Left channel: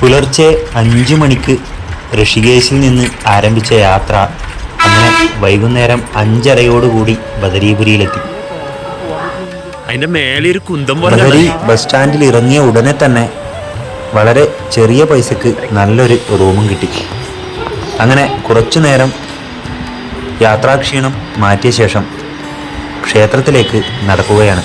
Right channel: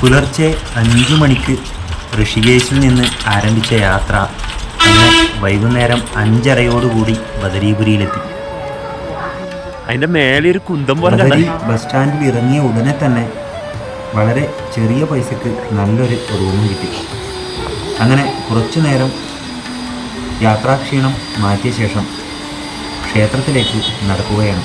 പുലർച്ചെ അഞ്ചു മണിക്ക് ഋഷികേശിൽ നിന്ന് ആരംഭിച്ച യാത്ര അങ്ങനെ വൈകുന്നേരം അഞ്ചരയോടുകൂടി ബദരീപുരിയിലെത്തി. അതിന്റെ മേലെ ഒരു കുന്തം പോലെ ബസ് സ്റ്റാൻഡിൽ ഇറങ്ങിയ ഉടനെ തന്നെ വളരെ ചെറിയ പൈസക്ക് നല്ലൊരു റൂമും കിട്ടി. അങ്ങനെ കുറച്ചു നേരം യാത്രാക്ഷീണം മാറ്റിയ ശേഷം ക്ഷേത്രത്തിലേക്ക് നടക്കുകയാണ്.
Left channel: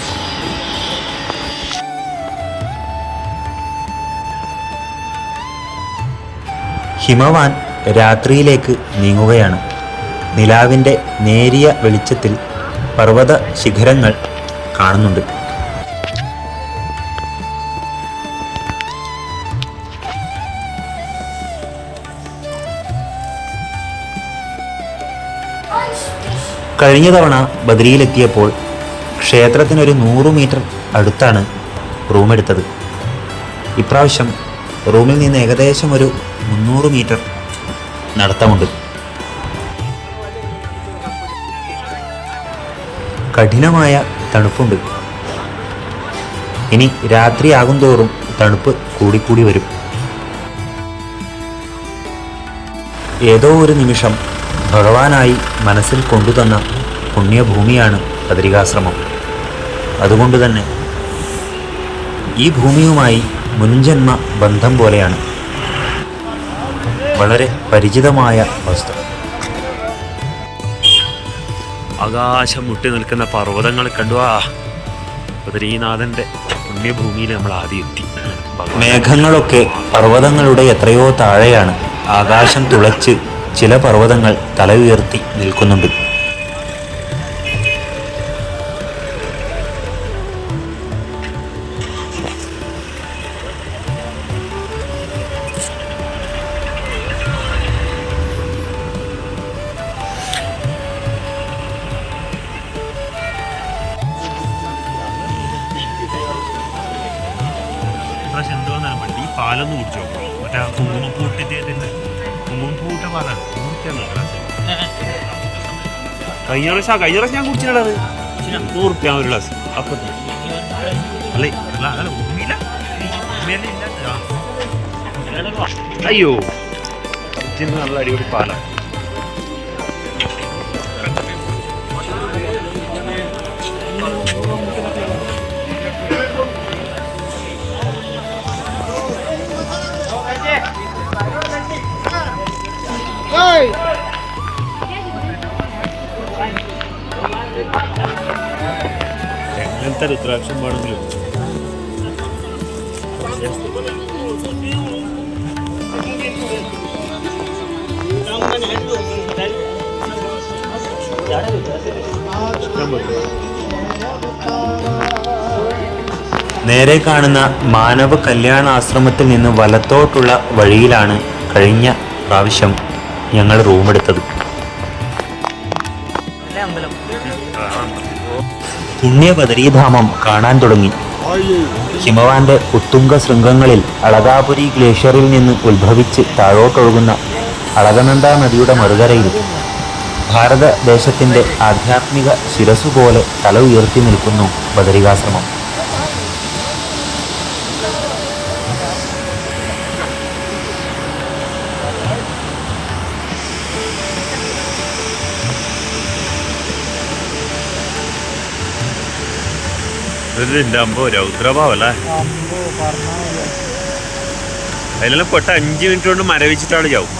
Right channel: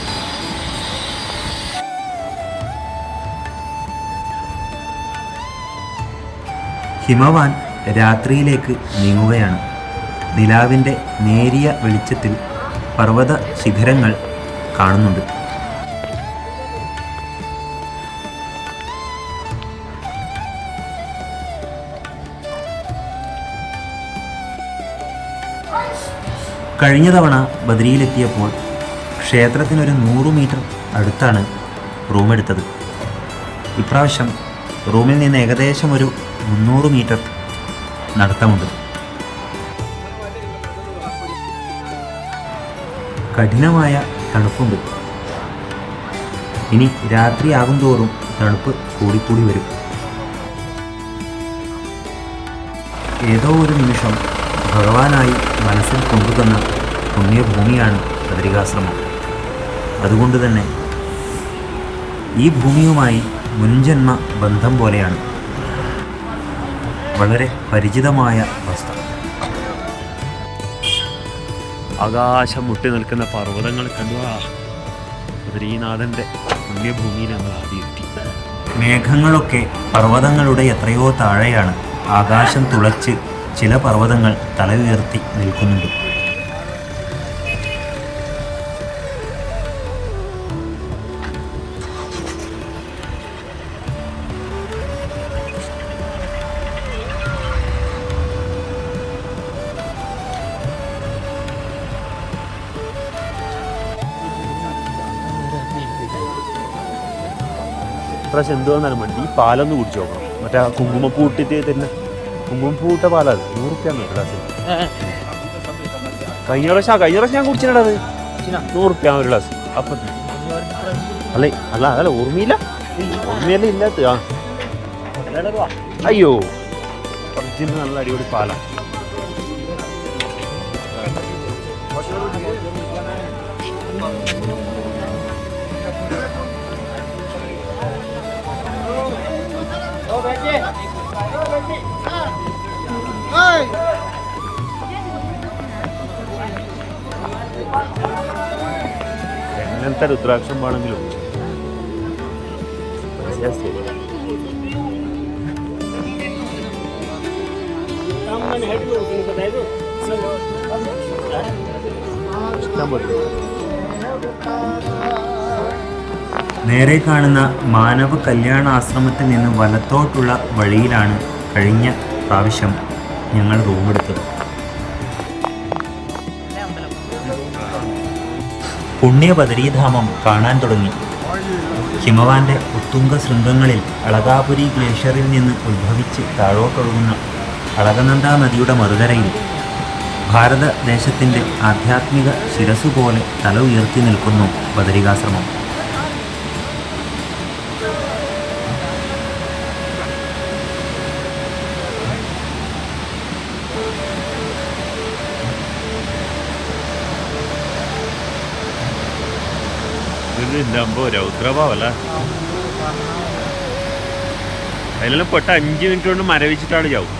ഹിമവാൻ രാത്രിയിലേക്ക് നീങ്ങുകയാണ്. നിലാവിന്റെ നേരിയ വെളിച്ചത്തിൽ പർവത ശിഖരങ്ങൾ കാണുന്നുണ്ട്. കഴിഞ്ഞ തവണ ബദ്രിയിലെത്തിയപ്പോൾ ക്ഷേത്രത്തിനൊരു നൂറ് മീറ്റർ അടുത്താണ് റൂമെടുത്തത്. ഇപ്രാവശ്യം റൂമിൽ നിന്ന് ഏകദേശം ഒരു മുന്നൂറ് മീറ്റർ നടത്തമുണ്ട്. കഠിനമായ തണുപ്പുണ്ട്. ഇനി രാത്രിയാകും തോറും തണുപ്പ് കൂടിക്കൂടി വരും. ഏതോ ഒരു നിമിഷം ഭഗവാനായി മനസ്സിൽ കൊണ്ടുതന്ന പുണ്യഭൂമിയാണ് ബദരികാശ്രമം. അതുകൊണ്ട് തന്നെ ഈ ഭൂമിയുമായി മുൻജന്മ ബന്ധം പോലെയാണ്. വളരെ പരിചിതമായ വസ്ത്രം ആകാശം മുട്ടി നിൽക്കുന്ന പർവതങ്ങൾ കണ്ടു. ആ ബദ്രീനാഥന്റെ പുണ്യഭൂമിയിൽ നമ്മൾ ആദ്യം എത്തി. മേഘങ്ങളൊക്കെ പർവതങ്ങളുടെ എത്രയോ താഴെയാണ്. ആകാശം തുളച്ച് ചില പർവതങ്ങൾ തല ഉയർത്തി നിൽക്കുന്നുണ്ട്. ഇപ്രാവശ്യം എന്തുവന്നാലും വേണ്ടി. ഈ പാലൊന്ന് കുടിച്ചു നോക്കണം മറ്റേ കുങ്കുമപ്പൂ ഇട്ടിട്ട് തന്നെ കുങ്കുമപ്പൂ ഇട്ട പാലാണ്. നൂറുപ്യാണ് ഗ്ലാസ്. കഴിഞ്ഞ പ്രാവശ്യം കഴിഞ്ഞ പ്രാവശ്യം ഞാൻ കുടിച്ചിട്ടുള്ളത് നൂറുപ്യ ഒരു ഗ്ലാസ്. അപ്പം അല്ലേ അല്ല അല്ല ഓർമ്മയില്ല. ഓർമ്മയല്ലേ ഇല്ലാത്ത അയ്യോ. നല്ല അടിപൊളി പാലാണ് എങ്ങനത്തെ രുദ്രാക്ഷം വേണമെങ്കിലും. നേരെ കാണുന്ന മാനവ കല്യാണ ആശ്രമത്തിൽ നിന്ന് വലത്തോട്ടുള്ള വഴിയിലാണ് കഴിഞ്ഞ പ്രാവശ്യം ഞങ്ങൾ റൂം റൂമെടുത്തത് പുണ്യബദരീധാമം കാണാൻ തുടങ്ങി. ഹിമവാന്റെ ഉത്തുംഗ ശൃംഗങ്ങളിൽ അളകാപുരി ഗ്ലേഷ്യറിൽ നിന്ന് ഉത്ഭവിച്ച് താഴോട്ടൊഴുകുന്ന അളകനന്ദ നദിയുടെ മറുകരയിൽ ഭാരതദേശത്തിന്റെ ആധ്യാത്മിക ശിരസുപോലെ തല ഉയർത്തി നിൽക്കുന്നു ബദരികാശ്രമം. ഇതിന്റെ അമ്പോ രൗദ്രഭാവല്ലേ അതിലെല്ലാം പെട്ട അഞ്ച് മിനിറ്റ് കൊണ്ട് മരവിച്ചിട്ടാണ് ചാവും.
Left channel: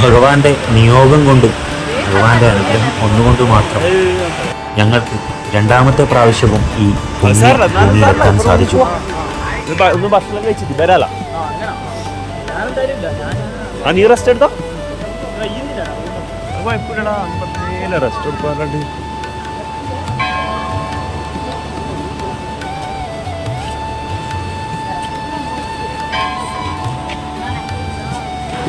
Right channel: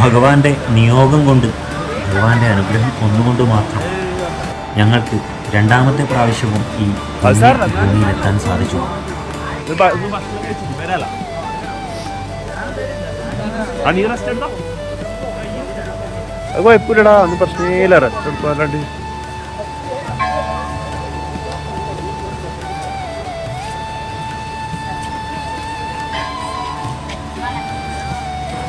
ഭഗവാന്റെ നിയോഗം കൊണ്ടും ഭഗവാന്റെ അനുഗ്രഹം ഒന്നുകൊണ്ട് മാത്രം ഞങ്ങൾക്ക് രണ്ടാമത്തെ പ്രാവശ്യവും ഈ ഭൂമിയിലെത്താൻ സാധിച്ചു. ഭക്ഷണം കഴിച്ചിട്ട് വരാല ആ നീ റെസ്റ്റ് എടുത്തോ അത് കുഴപ്പമില്ലടാ അന്ന് പ്രശ്നമില്ല റെസ്റ്റ് എടുക്കാറുണ്ട്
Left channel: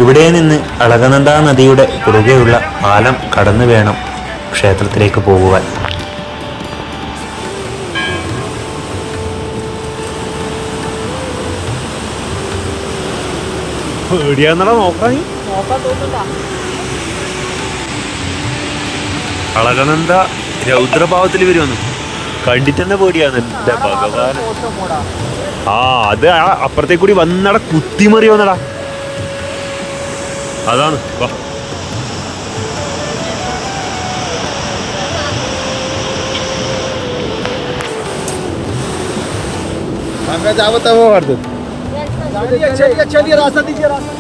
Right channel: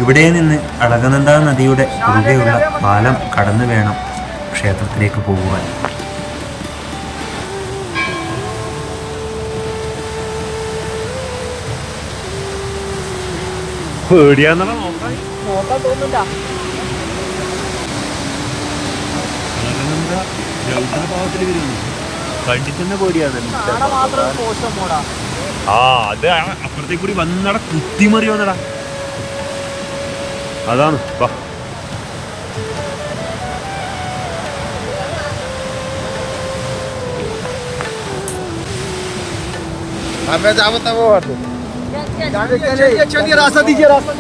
ഇവിടെ നിന്ന് അളകനന്ദ നദിയുടെ കുറുകെയുള്ള പാലം കടന്നു വേണം ക്ഷേത്രത്തിലേക്ക് പോകുവാൻ. പേടിയാന്നടാ നോക്കാൻ? കളകനന്ദ രൗദ്രഭാവത്തിൽ വരുമെന്ന് കണ്ടിട്ടെന്നെ പേടിയാണ്. എന്റെ ആ അത് ആ അപ്പുറത്തേക്ക് കൂടി വന്നട കുത്തിമറി വന്നടാ. അതാണ് വാ. આપણે જ चलिए चलिए रास्ता दीजिए रास्ता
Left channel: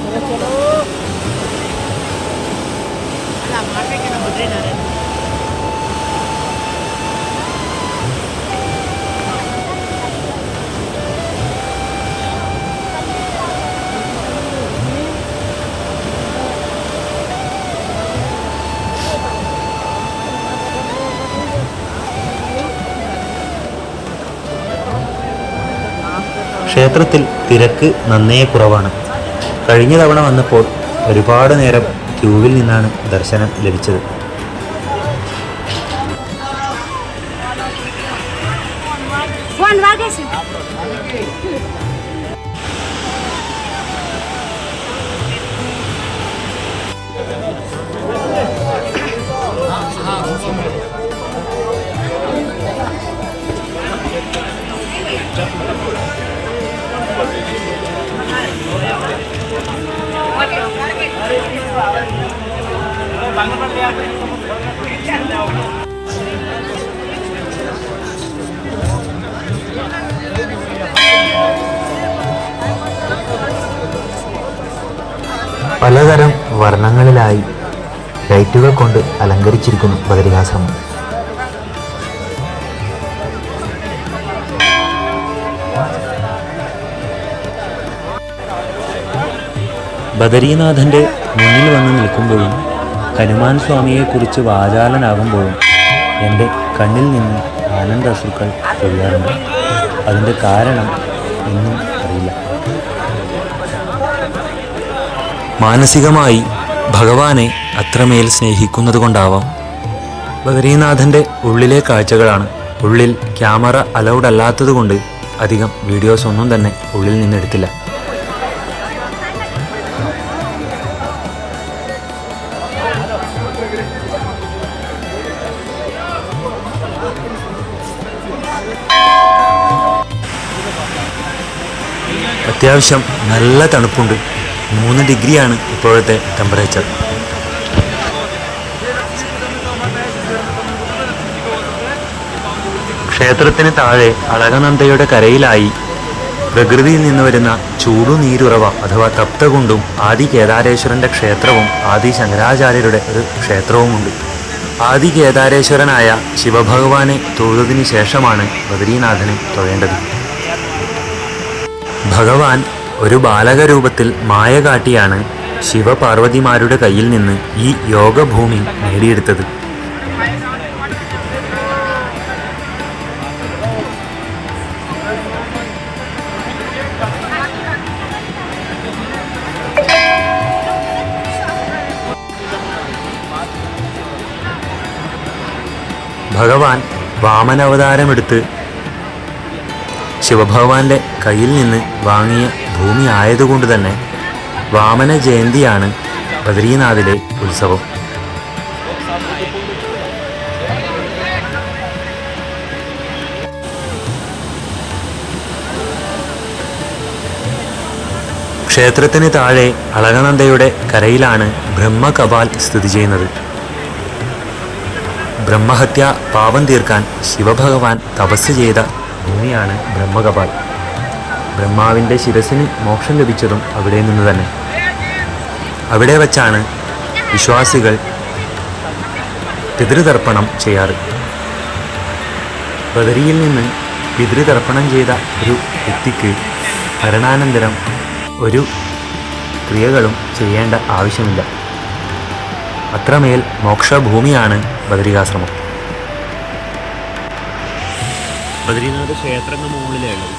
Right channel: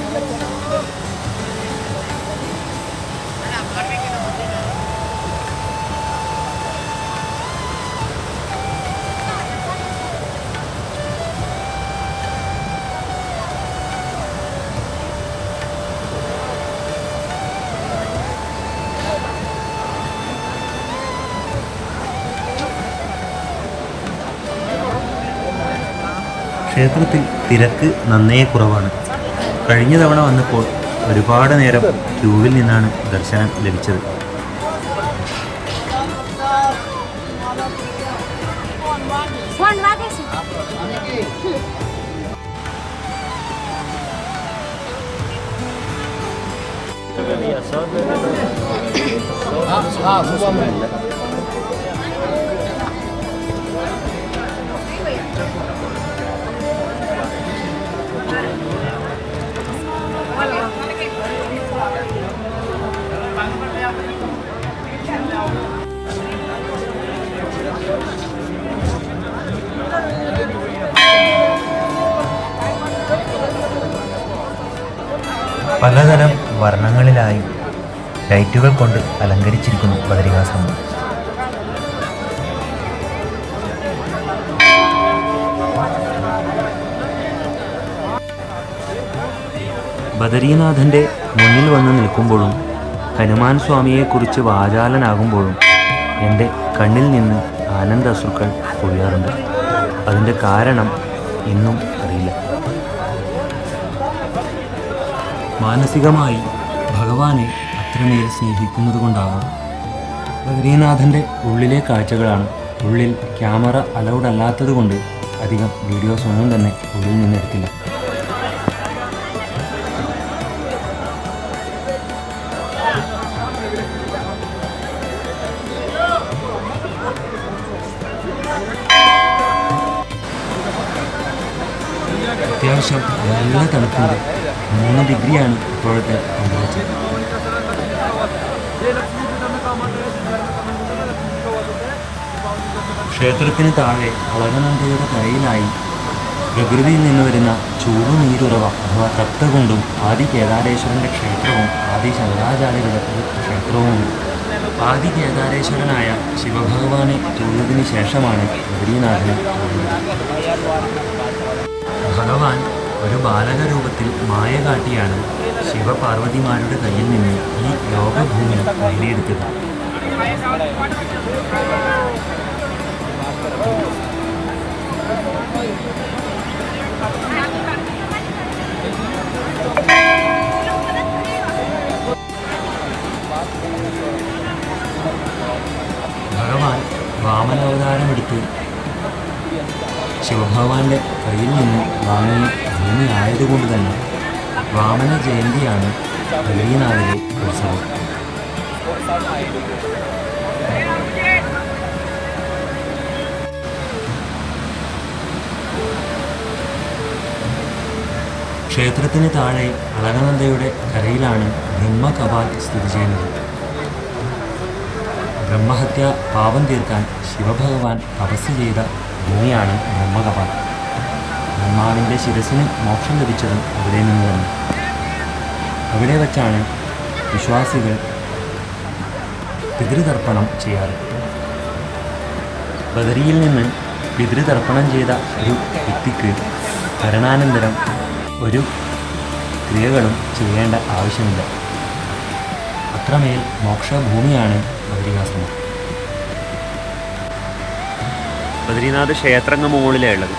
ക്ഷേത്രത്തിൽ തിരക്ക് നന്നേ കുറവാണ്. കഴിഞ്ഞ തവണ വന്നപ്പോൾ ഒരുപാട് നേരം ക്യൂവിൽ നിന്നാണ് ദർശനം ലഭിച്ചത്. ലൈറ്റുകൾ കൊണ്ട് അലങ്കരിച്ചിരിക്കുന്നു ബദരികാശ്രമം. ബദരീനാഥന്റെ മുന്നിൽ വന്ന് നിൽക്കുമ്പോഴും ഹനുമാൻ സ്വാമിയെക്കുറിച്ച് വാചാലനാകുമ്പോഴും എന്റെ കണ്ണിൽ നിന്ന് ആനന്ദാശ്രുക്കൾ പൊഴിയാറുണ്ട് അതിന്റെ കാരണം ഇന്നും അറിയില്ല. മാനസികമായി ഭഗവാനെ അത്രമേൽ സ്നേഹിക്കുന്നത് കൊണ്ടാവാം. ബദരീനാഥന്റെ ഉള്ളിലെ കാഴ്ചകളാണ് ഉള്ളിൽ ക്യാമറ അലൗഡ് അല്ലാത്തതുകൊണ്ട് അധികം വീഡിയോസ് ഒന്നും തന്നെ ഉള്ളിൽ നിന്നെടുത്തില്ല. അത്യാവശ്യം നല്ല തണുപ്പുണ്ട്. മൂന്ന് ഡിഗ്രിയാണ് ഇപ്പോഴത്തെ ടെമ്പറേച്ചർ ക്ഷേത്രത്തിന് താഴെ അളകനന്ദയുടെ കരയിലായി. പ്രകൃതിയിൽ നിന്ന് വരുന്ന ചൂടുനീരുറവ അഥവാ തപ്തകുണ്ടും ആദി കേദാരേശ്വരന്റെ ക്ഷേത്രവും ആദി ശങ്കരാചാര്യരുടെ ഒരു ക്ഷേത്രവുമുണ്ട്. ആദി കേദാരേശ്വരനായ ശിവഭഗവാനെ തൊഴുതിനു ശേഷമാണ് ബദരീനാഥനെ തൊഴേണ്ടത്. ഭഗവാൻ ഒരു ബാലക രൂപത്തിൽ മായ കാട്ടിയാണ് ശിവപാർവതിമാരുടെ കയ്യിൽ നിന്ന് ഈ യോഗഭൂമി നേടിയെടുത്തത്. ഭഗവാൻ വാമനാവതാരമെടുത്ത് ശിവഭഗവാന്റെ കയ്യിൽ നിന്ന് വാങ്ങിയ ഭൂമി ആയതുകൊണ്ട് തന്നെ വാമന ജയന്തിയാണ് ബദ്രീനാഥിലെ ഉത്സവം. ക്ഷേത്രത്തിന് താഴെ അളകനന്ദയുടെ കരയിലാണ് ബ്രഹ്മകപാൽ സ്ഥിതി ചെയ്യുന്നത്. ബ്രഹ്മഹത്യ പാപം തീർക്കാൻ ശിവഭഗവാൻ തപസ് ചെയ്ത ഭൂമിയാണ് ബ്രഹ്മകപാൽ. ബ്രഹ്മാവിന്റെ ശിരസിന് മോക്ഷം ലഭിച്ചതും അവിടെ നിന്ന് തന്നെ. അവിടെ വച്ചാണ് വിശ്വാസികൾ പിതൃതർപ്പണം ചെയ്യാറ്. ബദരിയിൽ നിന്ന് പിതൃതർപ്പണം ചെയ്ത ഒരു വ്യക്തിക്ക് മരണാനന്തരം ഒരു ക്രിയകളും ചെയ്യേണ്ട ആവശ്യമില്ല. അത്രമേൽ മോക്ഷഭൂമിയാണ് ബദരികാശ്രമം. ബദ്രീനാഥ് ക്ഷേത്രങ്ങ മുകളിലേ ഉള്ളത്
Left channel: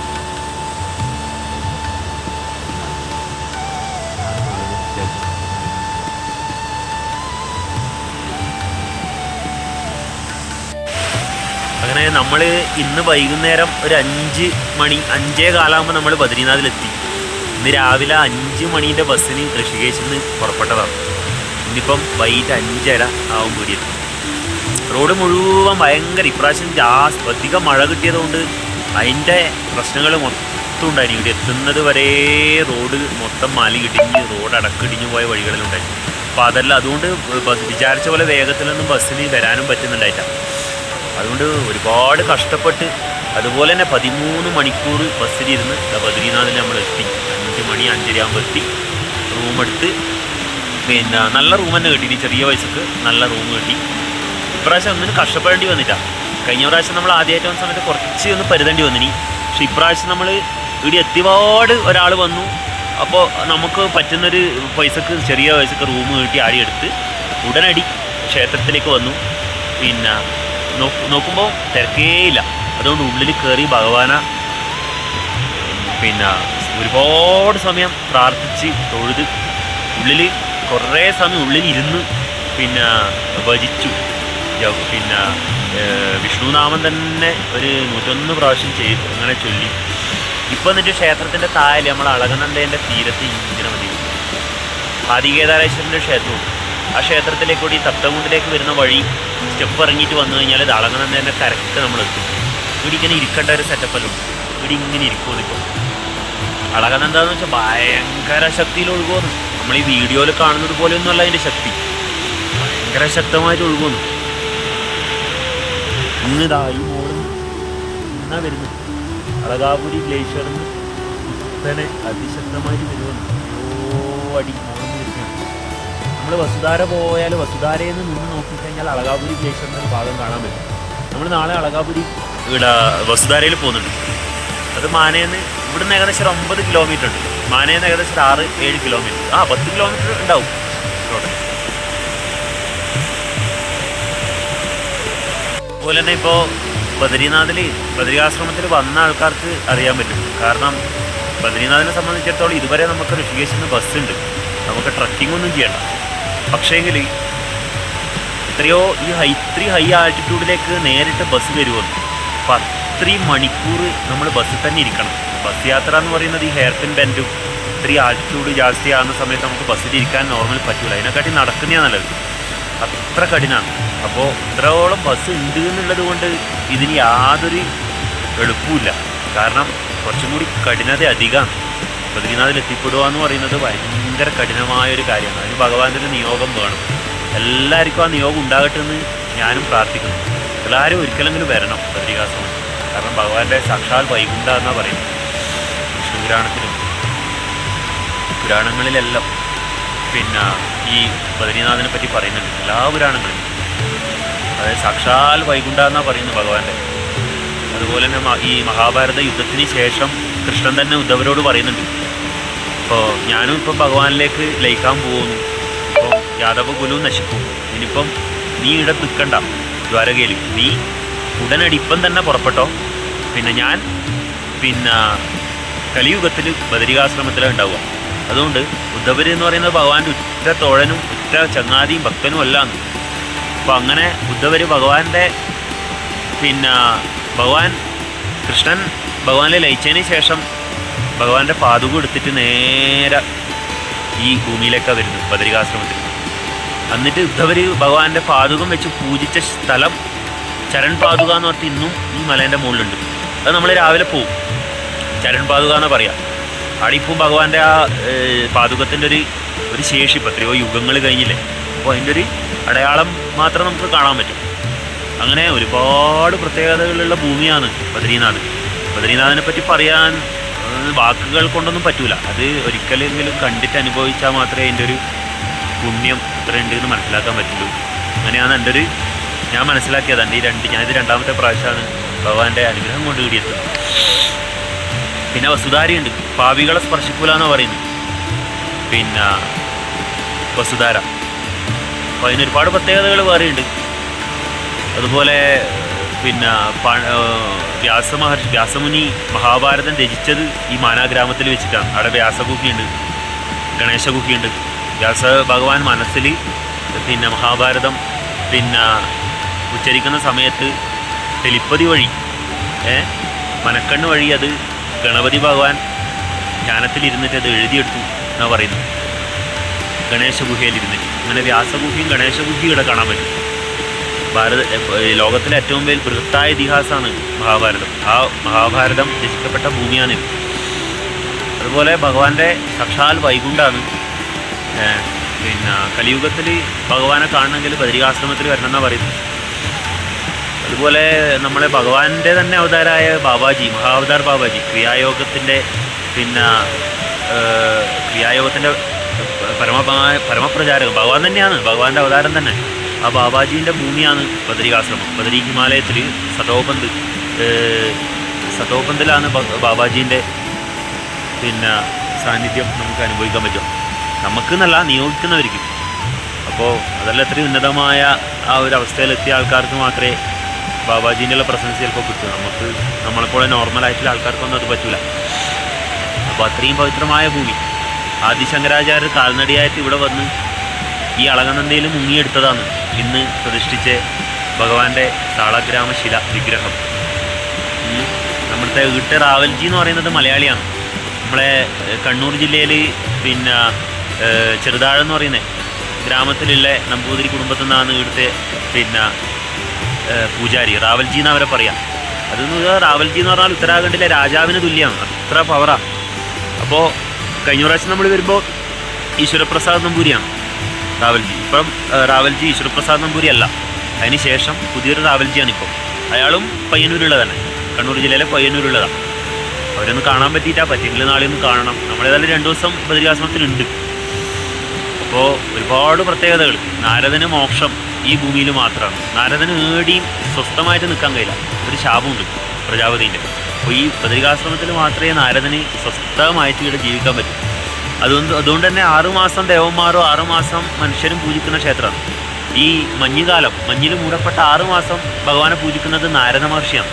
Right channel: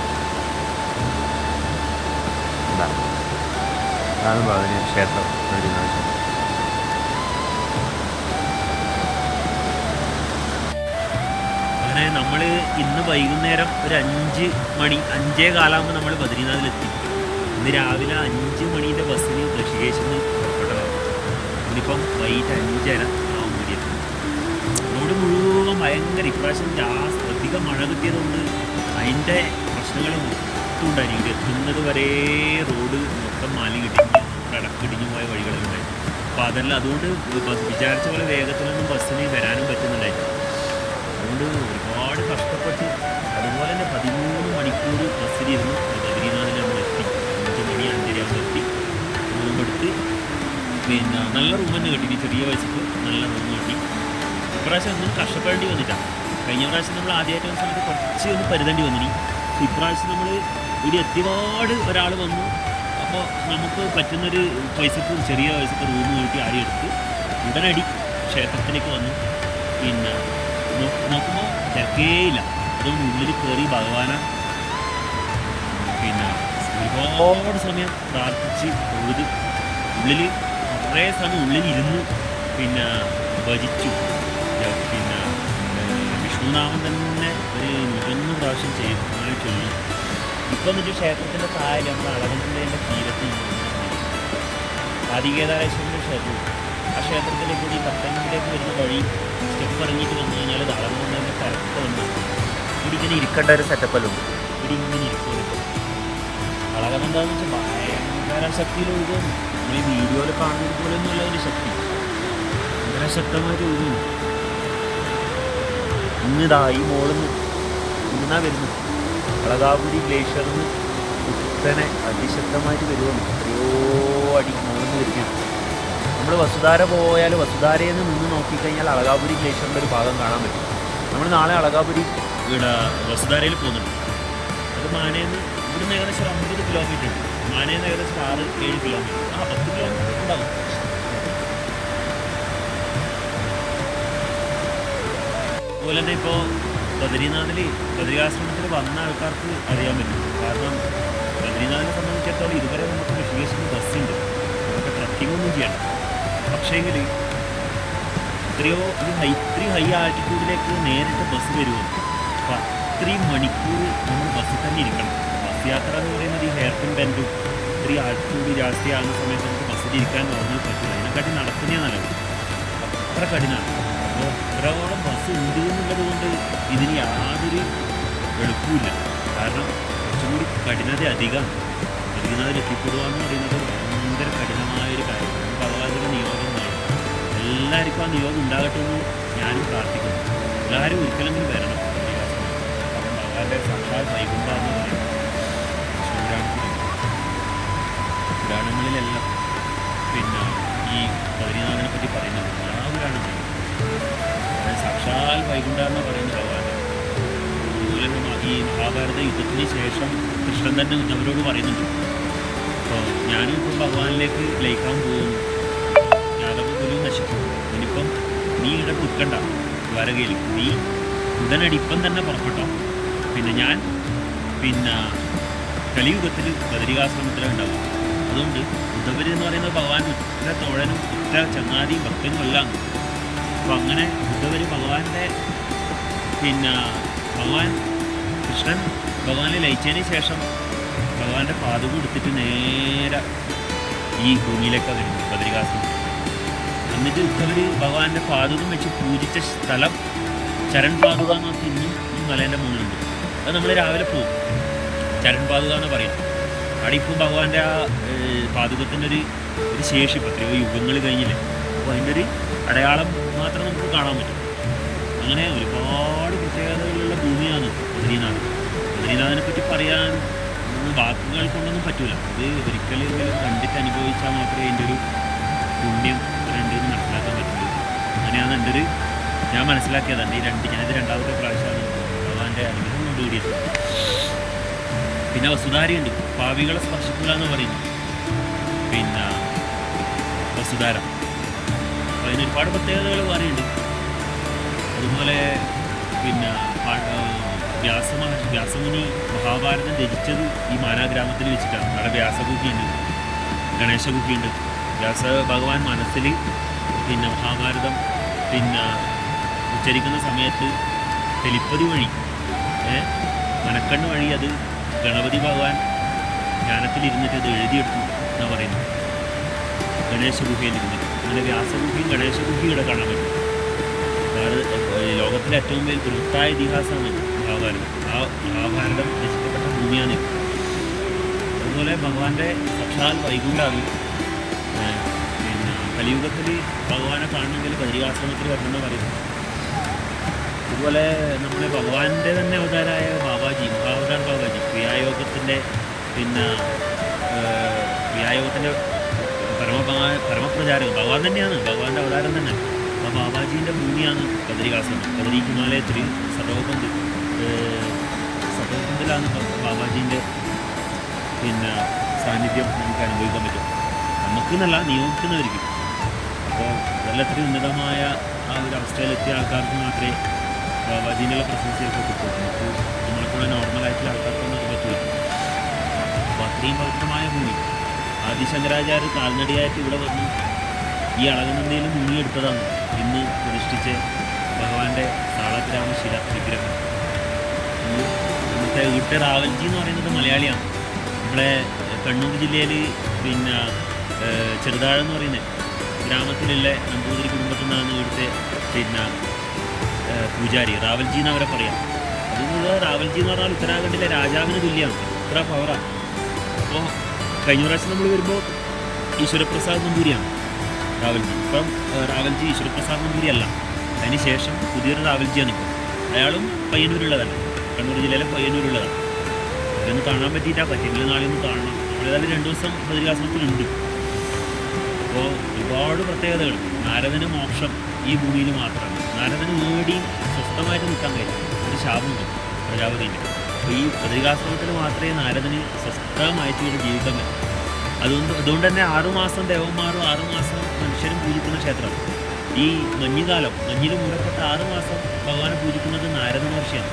ക്ഷേത്രം അങ്ങനെ നമ്മൾ ഇന്ന് വൈകുന്നേരം ഒരു അഞ്ച് മണി അഞ്ചേ കാലാകുമ്പോൾ നമ്മൾ ബദ്രീനാഥിലെത്തി. ഇന്ന് രാവിലെ അഞ്ച് മണീന്റെ ബസ്സിന് ഋഷികേശിൽ നിന്ന് പുറപ്പെട്ടതാണ്. ഇന്നിപ്പം വൈകിട്ട് അഞ്ചര ആവും വീടിയെത്തും റോഡ് മുഴുവൻ ഭയങ്കര ഇപ്രാവശ്യം ജാസ് അധികം മഴ കിട്ടിയതുകൊണ്ട് അതിന്റെ പ്രശ്നങ്ങൾ മൊത്തം ഉണ്ടായിരുന്നു ഇവിടെ എത്തുന്നത് വരെ റോഡ് മൊത്തം മാലി കിട്ടിഞ്ഞ് റോഡ് അടക്കിടിഞ്ഞു പോയ വഴികളിലുണ്ടായി അപ്പോൾ അതെല്ലാം അതുകൊണ്ട് ബസ് വിചാരിച്ച പോലെ വേഗത്തിലൊന്നും ബസ്സിന് വരാനും പറ്റുന്നുണ്ടായില്ല. അതുകൊണ്ട് ഒരുപാട് കഷ്ടപ്പെട്ട് അതുപോലെ തന്നെ പതിമൂന്ന് മണിക്കൂർ ബസ്സിലിരുന്ന് ബദ്രീനാഥിൽ നമ്മൾ എത്തി. അഞ്ച് മണി അഞ്ചരയാകുമ്പോൾ എത്തി. റൂമെടുത്ത് പിന്നെ നല്ല റൂം തന്നെ കിട്ടി ഇനി ചെറിയ പൈസക്ക് നല്ല റൂം കിട്ടി. ഇപ്രാവശ്യം ഒന്നിനും കഷ്ടപ്പെടേണ്ടി വന്നില്ല. കഴിഞ്ഞ പ്രാവശ്യം നമ്മൾ ആദ്യമായിട്ട് വന്ന സമയത്ത് കുറച്ച് ഒന്ന് പരുതേണ്ടി വന്നിനി പക്ഷെ ഇപ്രാവശ്യം നമ്മൾ ഇവിടെ എത്തിപാട് ഒരാൾ വന്നു. അപ്പോൾ നമുക്ക് പറ്റുന്നൊരു പൈസക്ക് ചെറിയ പൈസക്ക് റൂം കിട്ടി ആടി എടുത്ത് ഉടനടി ക്ഷേത്രത്തിലേക്ക് വന്നു. പിന്നെ നോക്ക് നോക്കുമ്പോൾ തിരക്കേയില്ല. അതുകൊണ്ട് ഉള്ളിൽ കയറി ഭഗവാന പിന്നെ ഒരുപാട് സമയം പ്രാർത്ഥിച്ച് തൊഴുത് ഉള്ളിൽ കുറേ സമയം ഉള്ളിൽ ഇരുന്ന് പിന്നെ ഭജിച്ചു. പിന്നെ വിഷ്ണുനാമം തന്നെ ഒരു നൂറ്റൊന്ന് പ്രാവശ്യം ചെയ്തു അങ്ങനെ ചൊല്ലി. ഇപ്പം എന്നിട്ട് ക്ഷേത്രത്തിന്റെ താഴെ നമ്മൾ അളകനന്ദേന്റെ തീരത്ത് ഇങ്ങനെ മതി ആദികേദാരേശ്വരന്റെ ക്ഷേത്രവും ആ ക്ഷേത്രത്തിലേക്ക് കൂടി തത്തമുണ്ടിലേക്ക് വരുന്ന വഴി സ്റ്റെപ്പ് ഇറങ്ങിയിട്ട് വന്നു കഴിഞ്ഞാൽ ഇത് അളകനന്ദേന്റെ കരക്ക് നമ്മൾ എത്തും ഇവിടെ ഇങ്ങനെ ഇരിക്കേണ്ട ഒരു സെറ്റപ്പല്ലോ ഇവിടെ ഇങ്ങനെ ഇരിക്കുമോ ഇപ്പോൾ അളകനന്ദ എന്ന് വെച്ചാൽ ഭയങ്കര ശക്തിയിൽ ഒഴുകുന്നു നമ്മൾ ഈ വീഡിയോയിൽ കാണുന്നത് പോലെയൊന്നും അല്ല അതിന്റെ ശക്തി. ഭയങ്കര ശക്തമായിട്ട് ഒഴുകുന്നു. ഇന്നിതാ ഈ മോളിൽ നിന്ന് ഇന്നാ വരുന്നത്. അളകാപുരി ഗ്ലേഷ്യറിൽ നിന്ന് കുത്തനെ അതിശക്തമായിട്ട് വരുമെന്ന് എത്രയോ അടി മോളിൽ നിന്ന് വരുന്നതാണ്. നമ്മൾ വസുധാര പോയാൽ വസുധാരയിൽ നിന്ന് നിന്ന് നോക്കിക്കഴിഞ്ഞാൽ അളകാപുരി ഗ്ലേഷ്യറിന്റെ ഒരു ഭാഗം കാണാൻ പറ്റും. നമ്മൾ നാളെ അളകാപുരി വസുധാരയിൽ പോകുന്നുണ്ട്. അത് മാനേന്ന് ഇവിടുന്ന് ഏകദേശം ഒമ്പത് കിലോമീറ്റർ ഉണ്ട്. മാനേന്ന് ഏകദേശം ആറ് ഏഴ് കിലോമീറ്റർ ആ പത്ത് കിലോമീറ്റർ ഉണ്ടാവും. അതുപോലെ തന്നെ ഇപ്പോൾ ബദരിനാഥിൽ ബദരികാശ്രമത്തിൽ വന്ന ആൾക്കാർക്ക് അറിയാൻ പറ്റും. കാരണം ബദരിനാഥിനെ സംബന്ധിച്ചിടത്തോളം ഇതുവരെ നമുക്ക് ഋഷികേശിൽ നിന്ന് ബസ്സുണ്ട് നമുക്ക് ട്രക്കിംഗ് ഒന്നും ചെയ്യണ്ട. പക്ഷേങ്കിൽ എത്രയോ ഈ ഹൈ ഇത്രയും ഹൈ ആൾട്ടിറ്റ്യൂഡിലേക്ക് നേരിട്ട് ബസ് വരുമെന്ന് അപ്പം അത്രയും മണിക്കൂർ നമ്മൾ ബസ്സിൽ തന്നെ ഇരിക്കണം. ബസ് യാത്ര എന്ന് പറയുന്നത് ഈ ഹെയർ പിൻ ബെൻഡും ഇത്രയും ആൾട്ടിറ്റ്യൂഡ് ജാസ്തി ആകുന്ന സമയത്ത് നമുക്ക് ബസ്സിൽ ഇരിക്കാൻ നോർമൽ പറ്റില്ല അതിനെക്കാട്ടി നടക്കുന്നതാണ് നല്ലത്. അത്ര കഠിനമാണ് അപ്പോൾ ഇത്രയോളം ബസ് ഉണ്ട് എന്നുള്ളത് കൊണ്ട് ഇതിന് യാതൊരു എളുപ്പമില്ല കാരണം കുറച്ചും കൂടി കഠിനത അധികമാണ് ബദ്രീനാഥിൽ എത്തിപ്പെടുക എന്ന് പറയുന്നത് ഭയങ്കര കഠിനമായൊരു കാര്യമാണ്. അതിന് ഭഗവാന്റെ ഒരു നിയോഗം വേണം. എല്ലാവർക്കും ആ നിയോഗം ഉണ്ടാകട്ടെ എന്ന് ഞാനും പ്രാർത്ഥിക്കുന്നു. എല്ലാവരും ഒരിക്കലെങ്കിലും വരണം ബദ്രികാശ്രമം കാരണം ഭഗവാന്റെ സാക്ഷാൽ വൈകുണ്ടെന്നാണ് പറയുന്നത്. പുരാണത്തിലും പുരാണങ്ങളിലെല്ലാം പിന്നെ ഈ ബദ്രീനാഥിനെ പറ്റി പറയുന്നുണ്ട്. എല്ലാ പുരാണങ്ങളിലും. അതായത് സാക്ഷാൽ വൈകുണ്ഠ എന്നാണ് പറയുന്നത് ഭഗവാന്റെ. അതുപോലെ തന്നെ ഈ മഹാഭാരത യുദ്ധത്തിന് ശേഷം കൃഷ്ണൻ തന്നെ ഉദ്ധവരോട് പറയുന്നുണ്ട്. അപ്പോൾ ഞാനും ഇപ്പം ഭഗവാനിലേക്ക് ലയിക്കാൻ പോകുന്നു. ഇപ്പോൾ യാദവ കുലു നശിക്കും. ഇനിയിപ്പം നീ ഇവിടെ നിൽക്കണ്ട ദ്വാരകയിൽ നീ ഉടനടി ഇപ്പം തന്നെ പുറപ്പെട്ടോ. പിന്നെ ഞാൻ പിന്നെ കലിയുഗത്തിൽ ബദരികാശ്രമത്തിലാണ് ഉണ്ടാവുക. അതുകൊണ്ട് ഉദ്ധവര് എന്ന് പറയുന്നത് ഭഗവാന്റെ ഉറ്റ തോഴനും ഉറ്റ ചങ്ങാതിയും ഭക്തനും അല്ലാന്ന്. അപ്പോൾ അങ്ങനെ ഉദ്ധവര് ഭഗവാന്റെ പിന്നെ ഭഗവാൻ കൃഷ്ണൻ ഭഗവാനെ ലയിച്ചതിന് ശേഷം ഭഗവാന്റെ പാതുക എടുത്തിട്ട് നേരെ ഈ ഭൂമിയിലേക്കാണ് വരുന്നത് ബദരികാശ്രമത്തിൽ എന്നിട്ട് ഉദ്ധവർ ഭഗവാന്റെ പാതുകം വെച്ച് പൂജിച്ച സ്ഥലം ചരൺ പാതുക എന്ന് പറഞ്ഞിട്ട് ഇന്നും ഈ മലേന്റെ മുകളിലുണ്ട്. അത് നമ്മൾ രാവിലെ പോവും. ചരൺ പാതുക എന്ന് പറയാ. അവിടെ ഇപ്പം ഭഗവാന്റെ ആ പാതുകത്തിന്റെ ഒരു ഒരു ശേഷി ഇപ്പം എത്രയോ യുഗങ്ങൾ കഴിഞ്ഞില്ലേ? അപ്പോൾ അതിന്റെ ഒരു അടയാളം മാത്രം നമുക്ക് കാണാൻ പറ്റും. അങ്ങനെ ഒരുപാട് പ്രത്യേകതകളുള്ള ഭൂമിയാണ് ബദ്രീനാഥ്. ബദ്രീനാഥിനെ പറ്റി പറയാൻ വാക്കുകൾ കൊണ്ടൊന്നും പറ്റൂല. അത് ഒരിക്കലെങ്കിലും കണ്ടിട്ട് അനുഭവിച്ചാൽ മാത്രമേ അതിന്റെ ഒരു പുണ്യം ഇത്രയുണ്ട് എന്ന് മനസ്സിലാക്കാൻ പറ്റുള്ളൂ. അങ്ങനെയാണ് എന്റെ ഒരു ഞാൻ മനസ്സിലാക്കിയത്. എന്റെ ഈ രണ്ട് ഞാനിത് രണ്ടാമത്തെ പ്രാവശ്യമാണ് ഭഗവാന്റെ അനുഗ്രഹം കൊണ്ട് കിടിയത്. പിന്നെ വസുധാരയുണ്ട്. പാവികളെ സ്പർശിക്കൂല പറയുന്നത്. പിന്നെ വസുധാര. അപ്പോൾ അതിനൊരുപാട് പ്രത്യേകതകൾ വേറെയുണ്ട്. അതുപോലെ പിന്നെ വ്യാസമഹർഷി വ്യാസമുനി മഹാഭാരതം രചിച്ചത് ഈ മാനാഗ്രാമത്തിൽ വെച്ചിട്ടാണ്. അവിടെ വ്യാസഗുഹയുണ്ട് ഗണേശഗുഹയുണ്ട്. വ്യാസ ഭഗവാൻ മനസ്സിൽ പിന്നെ മഹാഭാരതം പിന്നെ ഉച്ചരിക്കുന്ന സമയത്ത് തെലിപ്പതി വഴി മനക്കണ്ണ് വഴി അത് ഗണപതി ഭഗവാൻ ധ്യാനത്തിലിരുന്നിട്ട് അത് എഴുതിയെടുത്തു എന്നാണ് പറയുന്നത്. ഗണേശഗുഹയിൽ ഇരുന്നിട്ട് അങ്ങനെ വ്യാസഗുഹയും ഗണേശഗുഹയും ഇവിടെ കാണാൻ പറ്റും. ഭാരത ലോകത്തിലെ ഏറ്റവും വലിയ ബൃഹത്തായ ഇതിഹാസമാണ് മഹാഭാരതം. ആ മഹാഭാരതം രചിക്കപ്പെട്ട ഭൂമിയാണ് അതുപോലെ ഭഗവാന്റെ സാക്ഷാൽ വൈകുണ്ഠാണ്. പിന്നെ കലിയുഗത്തിൽ ഭഗവാനെ കാണണമെങ്കിൽ ബദരികാശ്രമത്തിൽ വരണം എന്നാണ് പറയുന്നത്. അതുപോലെ നമ്മളെ ഭഗവാന്റെ തന്നെ അവതാരായ ബാബാജി മഹാവതാർ ബാബാജി ക്രിയായോഗത്തിന്റെ പിന്നെ ക്രിയായോഗത്തിന്റെ പരമമായ പരമപ്രചാരകം ഭഗവാൻ തന്നെയാണ് ഭഗവാന്റെ അവതാരം തന്നെ. ആ ബാബാജീന്റെ ഭൂമിയാണ് ബദരികാശ്രമം. ബദരി ഹിമാലയത്തിൽ സതോപന്ത് സതോപന്തിലാണ് ബാബാജീന്റെ പിന്നെ സാന്നിധ്യം നമുക്ക് അനുഭവിക്കാൻ പറ്റും നമുക്ക് എന്നല്ല നിയോഗിക്കുന്നവർക്ക് അപ്പോൾ അതെല്ലാം ഇത്രയും ഉന്നതമായ ആ ഒരു അവസ്ഥയിലെത്തിയ ആൾക്കാർക്ക് മാത്രമേ ബാബാജീന്റെ പ്രസൻസ് ചിലപ്പോൾ കിട്ടും. നമുക്ക് നമ്മളെപ്പോലെ നോർമലായിട്ടുള്ള ആൾക്കാർക്കൊന്നും അത് പറ്റില്ല അപ്പോൾ അത്രയും പവിത്രമായ ഭൂമി. ആദിശങ്കരാചാര്യർ കാൽനടിയായിട്ട് ഇവിടെ വന്ന് ഈ അളകനന്ദയിൽ മുങ്ങിയെടുത്തതാണ് ഇന്ന് പ്രതിഷ്ഠിച്ച ഭഗവാന്റെ സാളഗ്രാമശില വിഗ്രഹം. നമ്മുടെ വീട്ട് റാവൽജി എന്ന് പറയുന്നത് മലയാളിയാണ്. നമ്മളെ കണ്ണൂർ ജില്ലയിൽ പിന്നെ ചെറുതാഴെന്ന് ചെറുതാഴം എന്ന് പറയുന്നത് ഗ്രാമത്തിലുള്ള നമ്പൂതിരി കുടുംബത്തിൽ നിന്നാണ് ഇവിടുത്തെ പിന്നെ പൂജാരി. റാവൽജി എന്ന് അവരെ പറയാം. പറഞ്ഞാൽ റാവൽജി എന്ന് പറഞ്ഞാൽ ഉത്തരാഖണ്ഡിലെ രാജാവിന് തുല്യമാണ് അത്ര പവറാണ് അപ്പോൾ കഴിഞ്ഞ പ്രാവശ്യം നമ്മൾ വരുമ്പോൾ ഈശ്വരപ്രസാദ് നമ്പൂരിയാണ് റാവൽജി. ഇപ്പം റാവൽജി ഈശ്വരപ്രസാദ് നമ്പൂരി അല്ല. അതിന് ശേഷം പുതിയൊരു റാവൽജിയാണ് ഇപ്പോൾ അയാളും പയ്യന്നൂരുള്ളതാണ് കണ്ണൂർ ജില്ലയിലെ പയ്യന്നൂരുള്ളതാണ് അവരൊന്ന് കാണാൻ പറ്റിയിട്ടാ. പറ്റിയെങ്കിൽ നാളെ ഒന്ന് കാണണം. നമ്മളേതായാലും രണ്ടു ദിവസം ബദരികാശ്രമത്തിലുണ്ട്. അപ്പോൾ ഒരുപാട് പ്രത്യേകതകൾ നാരദന് മോക്ഷം. ഈ ഭൂമിയിൽ മാത്രമാണ്. നാരദന് ഏടിയും സ്വസ്ഥമായിട്ട് നിൽക്കാൻ കഴിയില്ല. ഒരു ശാപമുണ്ട് പ്രജാപതിന്റെ. അപ്പോൾ ഈ ബദരികാശ്രമത്തിൽ മാത്രമേ നാരദന് സ്വസ്ഥമായിട്ട് ഇവിടെ ജീവിക്കാൻ പറ്റൂ. അതുകൊണ്ട് അതുകൊണ്ട് തന്നെ ആറുമാസം ദേവന്മാരും ആറുമാസം മനുഷ്യരും പൂജിക്കുന്ന ക്ഷേത്രമാണ്. ഈ മഞ്ഞുകാലം മഞ്ഞിൽ മൂടപ്പെട്ട ആറുമാസം ഭഗവാനെ പൂജിക്കുന്നത് നാരദ മഹർഷിയാണ്.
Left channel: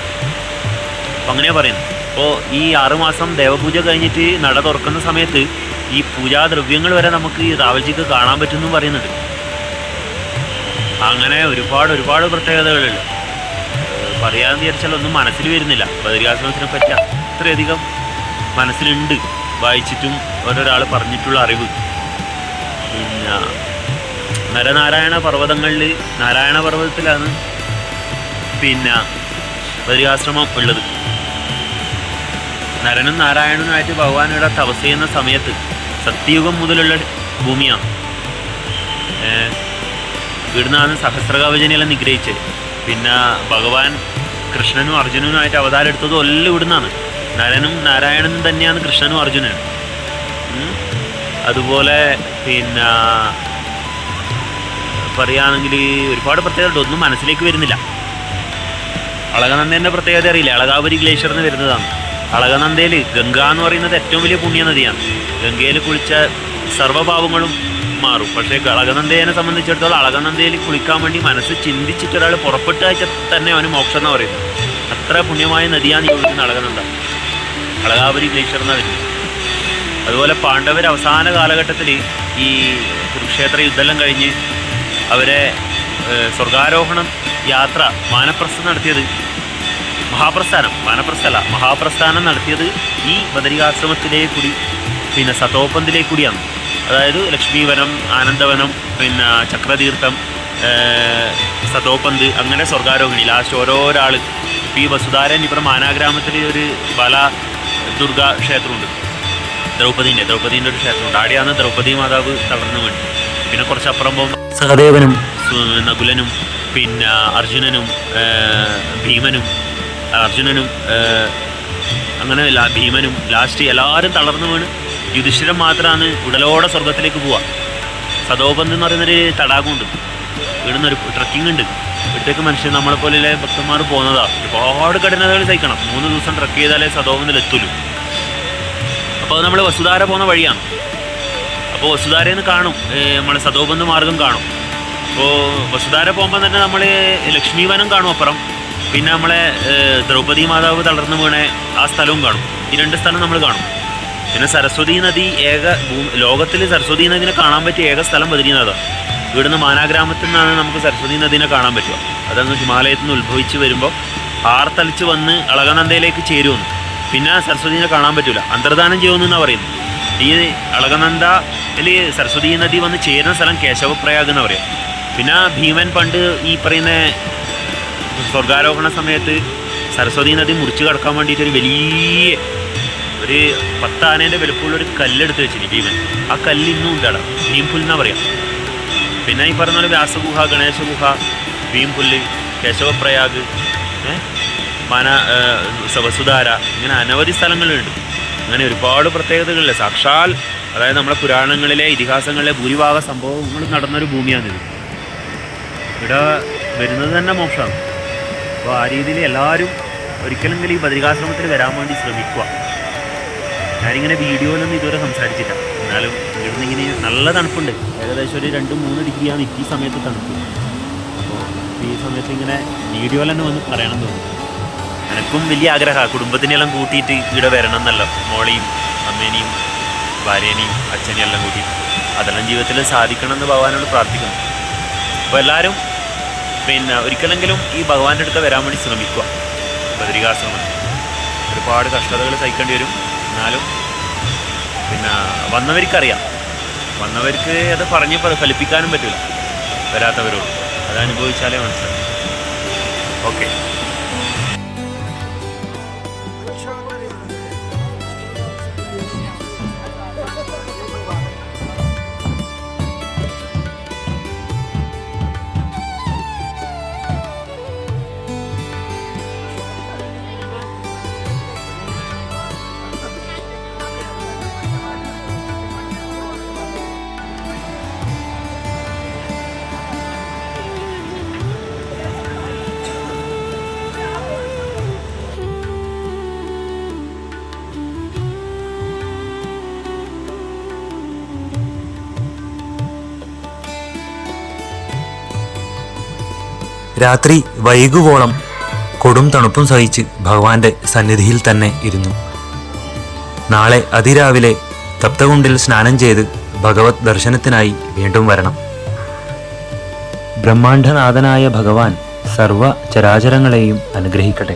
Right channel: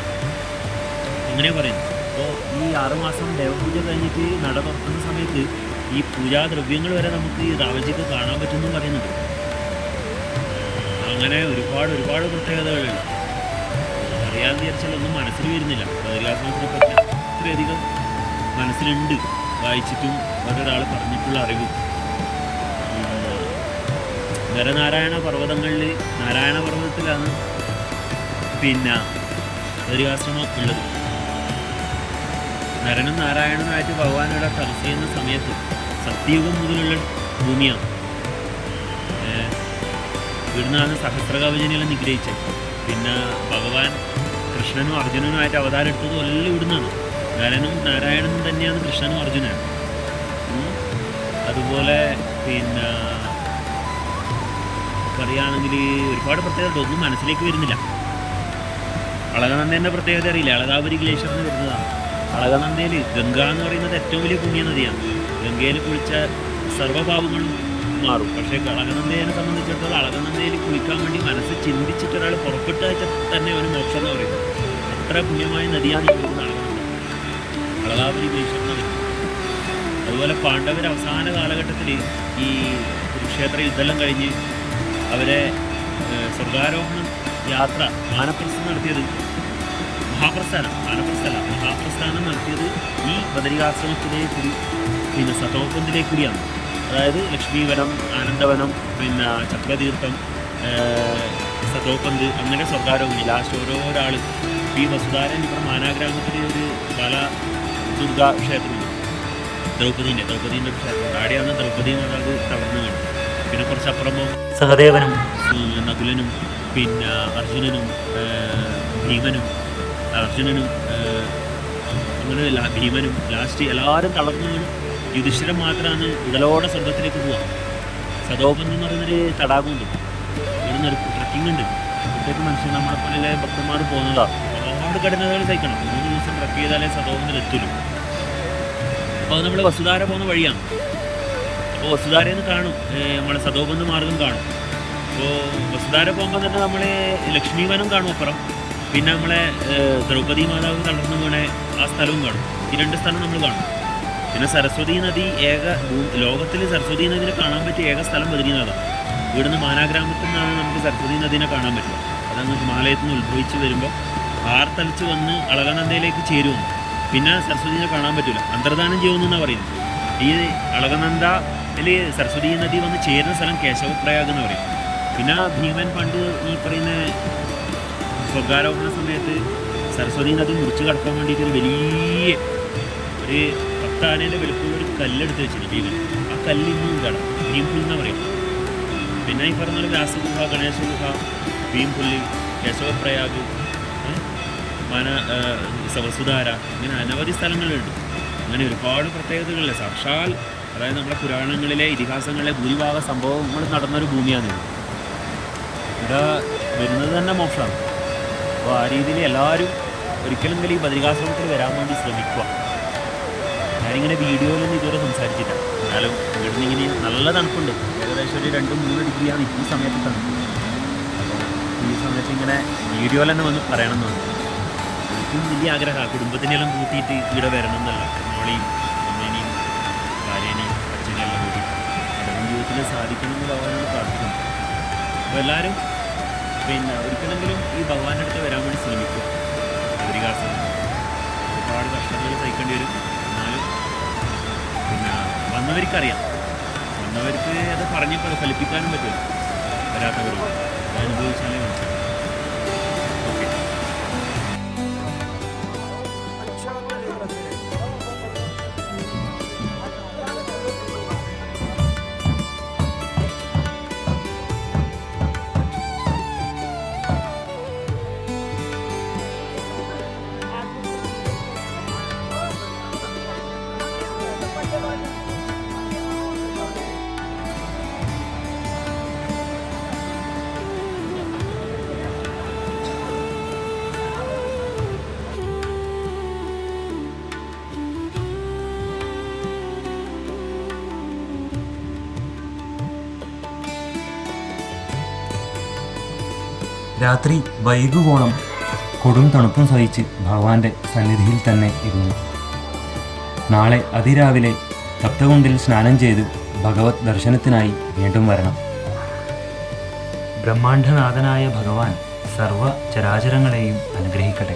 അപ്പം അങ്ങനെയാണ് പറയുന്നത്. അപ്പോൾ ഈ ആറുമാസം ദേവപൂജ കഴിഞ്ഞിട്ട് നട തുറക്കുന്ന സമയത്ത് ഈ പൂജാദ്രവ്യങ്ങൾ വരെ നമുക്ക് റാവൽജിക്ക് കാണാൻ പറ്റുമെന്നും പറയുന്നുണ്ട്. അങ്ങനെ ഒരുപാട് ഒരുപാട് പ്രത്യേകതകളുണ്ട്. പറയാമെന്ന് വിചാരിച്ചാൽ ഒന്നും മനസ്സിൽ വരുന്നില്ല. ബദരികാശ്രമത്തിനെ പറ്റി അത്രയധികം മനസ്സിലുണ്ട്. വായിച്ചിട്ടും ഓരോരാൾ പറഞ്ഞിട്ടുള്ള അറിവ്. പിന്നെ നരനാരായണ പർവതങ്ങളിൽ നാരായണ പർവതത്തിലാണ് പിന്നെ ബദരികാശ്രമം ഉള്ളത്. നരനും നാരായണനുമായിട്ട് ഭഗവാൻ തപസ് ചെയ്യുന്ന സമയത്ത് സത്യയുഗം മുതലുള്ള ഭൂമിയാണ്. ഇവിടുന്നാണ് സഹസ്രകവചനെല്ലാം നിഗ്രഹിച്ചത്. പിന്നെ ഭഗവാൻ കൃഷ്ണനും അർജുനനുമായിട്ട് അവതാരം എടുത്തതും എല്ലാം ഇവിടുന്നാണ്. നരനും നാരായണനും തന്നെയാണ് കൃഷ്ണനും അർജുനനും. അതുപോലെ പിന്നെ പറയുകയാണെങ്കിൽ ഒരുപാട് പ്രത്യേകത ഒന്നും മനസ്സിലേക്ക് വരുന്നില്ല. അളകനന്ദേന്റെ പ്രത്യേകത അറിയില്ല. അളകാപുരി ഗ്ലേഷ്യർ എന്ന് വരുന്നതാണ്. അളകനന്ദയിൽ ഗംഗ എന്ന് പറയുന്നത് ഏറ്റവും വലിയ പുണ്യ നദിയാണ് ഗംഗയിൽ കുളിച്ച സർവഭാവങ്ങളും മാറും പക്ഷേ അളകനന്ദയെ സംബന്ധിച്ചിടത്തോളം അളകനന്ദയിൽ കുളിക്കാൻ വേണ്ടി മനസ്സ് ചിന്തിച്ചിട്ട് ഒരാൾ പുറപ്പെട്ട് അയച്ചാൽ തന്നെ അവന് മോക്ഷം എന്ന് പറയുന്നത്. അത്ര പുണ്യമായ നദിയാണ് ഈ ഒഴുകുന്ന അളകനന്ദ അളകാപുരി ഗ്ലേഷ്യർ എന്ന അതുപോലെ പാണ്ഡവർ അവസാന കാലഘട്ടത്തിൽ ഈ കുരുക്ഷേത്ര യുദ്ധമെല്ലാം കഴിഞ്ഞ് അവരെ സ്വർഗാരോഹണം യാത്ര മാനപ്രസ്ഥം നടത്തിയത് മഹാപ്രസ്ഥാനം മാനപ്രസ്ഥല മഹാപ്രസ്ഥാനം നടത്തിയത് ഈ ബദരികാശ്രമത്തിലേ കൂടി പിന്നെ സതോപന്തിലേ അതായത് ലക്ഷ്മീവനം ആനന്ദവനം പിന്നെ ചക്രതീർത്ഥം സതോപന്ത് അങ്ങനെ സ്വർഗാരോഹിണി. ലാസ്റ്റ് ഓരോരാൾ പി വസുധാരൻ ഇവിടെ മാനാഗ്രാമത്തിൽ ഒരു ബല ദുർഗ ക്ഷേത്രമുണ്ട്. ദ്രൗപദീന്റെ. ദ്രൗപദീന്റെ ഒരു ക്ഷേത്രമുണ്ട്. അവിടെയാണ് ദ്രൗപദി മാതാവ് തളർന്നു വേണ്ടി പിന്നെ കുറച്ച് അപ്പുറം പോകുമ്പോൾ സഹദേവനും നകുലനും പിന്നെ അർജുനനും ഭീമനും അർജുനനും അങ്ങനെ ഭീമനും ലാസ്റ്റ് എല്ലാവരും തളർന്നു വീണ്. യുധിഷ്ഠിരൻ മാത്രമാണ് ഉടലോടെ സ്വർഗത്തിലേക്ക് പോവുക സദോപന്ത് എന്ന് പറയുന്നൊരു തടാകമുണ്ട്. ഇവിടുന്ന് ഒരു ട്രക്കിംഗ് ഉണ്ട്. ഇവിടത്തേക്ക് മനുഷ്യൻ നമ്മളെ പോലെയുള്ള ഭക്തന്മാർ പോകുന്നതാ. ഒരുപാട് കഠിനതകൾ സഹിക്കണം. മൂന്ന് ദിവസം ട്രക്ക് ചെയ്താലേ സദോപന്തിൽ എത്തുള്ളൂ. അപ്പോൾ നമ്മൾ വസുധാര പോകുന്ന വഴിയാണ്. അപ്പോൾ വസുധാരയിൽ കാണും. നമ്മൾ സദോപന്ത് മാർഗം കാണും. അപ്പോൾ വസുധാര പോകുമ്പോൾ തന്നെ നമ്മൾ ലക്ഷ്മീവനം കാണും അപ്പുറം. പിന്നെ നമ്മളെ ദ്രൗപദി മാതാവ് തളർന്നു വീണ ആ സ്ഥലവും കാണും. ഈ രണ്ട് സ്ഥലം നമ്മൾ കാണും. പിന്നെ സരസ്വതി നദി ഏക ലോകത്തിൽ സരസ്വതി നദിനെ കാണാൻ പറ്റിയ ഏക സ്ഥലം ബദ്രീനാഥാണ് ഇവിടുന്ന് മാനാഗ്രാമത്തിൽ നിന്നാണ് നമുക്ക് സരസ്വതി നദീനെ കാണാൻ പറ്റുക. അതങ്ങ് ഹിമാലയത്തിൽ നിന്ന് ഉത്ഭവിച്ച് വരുമ്പോൾ ആർത്തളിച്ച് വന്ന് അളകനന്ദയിലേക്ക് ചേരുമെന്ന് പിന്നെ സരസ്വതിനെ കാണാൻ പറ്റില്ല അന്തർദാനം ചെയ്യുമെന്നാണ് പറയുന്നത്. ഈ അളകനന്ദയിൽ സരസ്വതി നദി വന്ന് ചേരുന്ന സ്ഥലം കേശവപ്രയാഗ് എന്ന് പറയാം. പിന്നെ ഭീമൻ പണ്ട് ഈ പറയുന്ന സ്വർഗാരോഹണ സമയത്ത് സരസ്വതി നദി മുറിച്ച് കടക്കാൻ വേണ്ടിയിട്ട് ഒരു വലിയ ഒരു പത്താനേന്റെ വലുപ്പമുള്ള ഒരു കല്ലെടുത്ത് വെച്ചിരിക്കും ഭീമൻ ആ കല്ല് ഇന്നും ഉണ്ട് അവിടെ. ഭീംപുൽ എന്നാ പറയാം. പിന്നെ ഈ പറഞ്ഞ പോലെ വ്യാസഗുഹ ഗണേശഗുഹ ഭീംപുല്ല് കേശവപ്രയാഗ് മന വസുധാര ഇങ്ങനെ അനവധി സ്ഥലങ്ങളുണ്ട്. അങ്ങനെ ഒരുപാട് പ്രത്യേകതകളില്ല? സാക്ഷാൽ അതായത് നമ്മുടെ പുരാണങ്ങളിലെ ഇതിഹാസങ്ങളിലെ ഭൂരിഭാഗ സംഭവങ്ങൾ നടന്നൊരു ഭൂമിയാണിത്. ഇവിടെ വരുന്നത് തന്നെ മോക്ഷമാണ്. അപ്പോൾ ആ രീതിയിൽ എല്ലാവരും ഒരിക്കലെങ്കിലും ഈ ബദ്രികാശ്രമത്തിൽ വരാൻ വേണ്ടി ശ്രമിക്കുക. ഞാനിങ്ങനെ വീഡിയോയിലൊന്നും ഇതുവരെ സംസാരിച്ചില്ല. എന്നാലും ഇവിടുന്ന് ഇങ്ങനെ നല്ല തണുപ്പുണ്ട്. ഏകദേശം ഒരു രണ്ട് മൂന്ന് ഡിഗ്രിയാണ് ഈ സമയത്ത് തണുപ്പ്. അപ്പോൾ ഈ സമയത്ത് ഇങ്ങനെ വീഡിയോയിൽ തന്നെ വന്ന് പറയണം തോന്നി എനക്കും വലിയ ആഗ്രഹമാണ് കുടുംബത്തിനെല്ലാം കൂട്ടിയിട്ട് ഇവിടെ വരണം എന്നല്ലോ. മോളിയും അമ്മേനെയും ഭാര്യേനെയും അച്ഛനെയും എല്ലാം കൂട്ടിയിട്ട്. അതെല്ലാം ജീവിതത്തിൽ സാധിക്കണം എന്ന് ഭഗവാനോട് പ്രാർത്ഥിക്കുന്നു. അപ്പോൾ എല്ലാവരും പിന്നെ ഒരിക്കലെങ്കിലും ഈ ഭഗവാന്റെ അടുത്ത് വരാൻ വേണ്ടി ശ്രമിക്കുക. ബദരികാശ്രമം. ഒരുപാട് കഷ്ടതകൾ സഹിക്കേണ്ടി വരും. എന്നാലും പിന്നെ വന്നവർക്കറിയാം. വന്നവർക്ക് അത് പറഞ്ഞ് ഫലിപ്പിക്കാനും പറ്റില്ല വരാത്തവരോട്. അത് അനുഭവിച്ചാലേ മനസ്സിലാവും. ഓക്കെ. രാത്രി വൈകുവോളം കൊടും തണുപ്പും സഹിച്ച് ഭഗവാന്റെ സന്നിധിയിൽ തന്നെ ഇരുന്നു. നാളെ അതിരാവിലെ തപ്തകുണ്ടിൽ സ്നാനം ചെയ്ത് ഭഗവത് ദർശനത്തിനായി വീണ്ടും വരണം. ബ്രഹ്മാണ്ഡനാഥനായ ഭഗവാൻ സർവ ചരാചരങ്ങളെയും അനുഗ്രഹിക്കട്ടെ.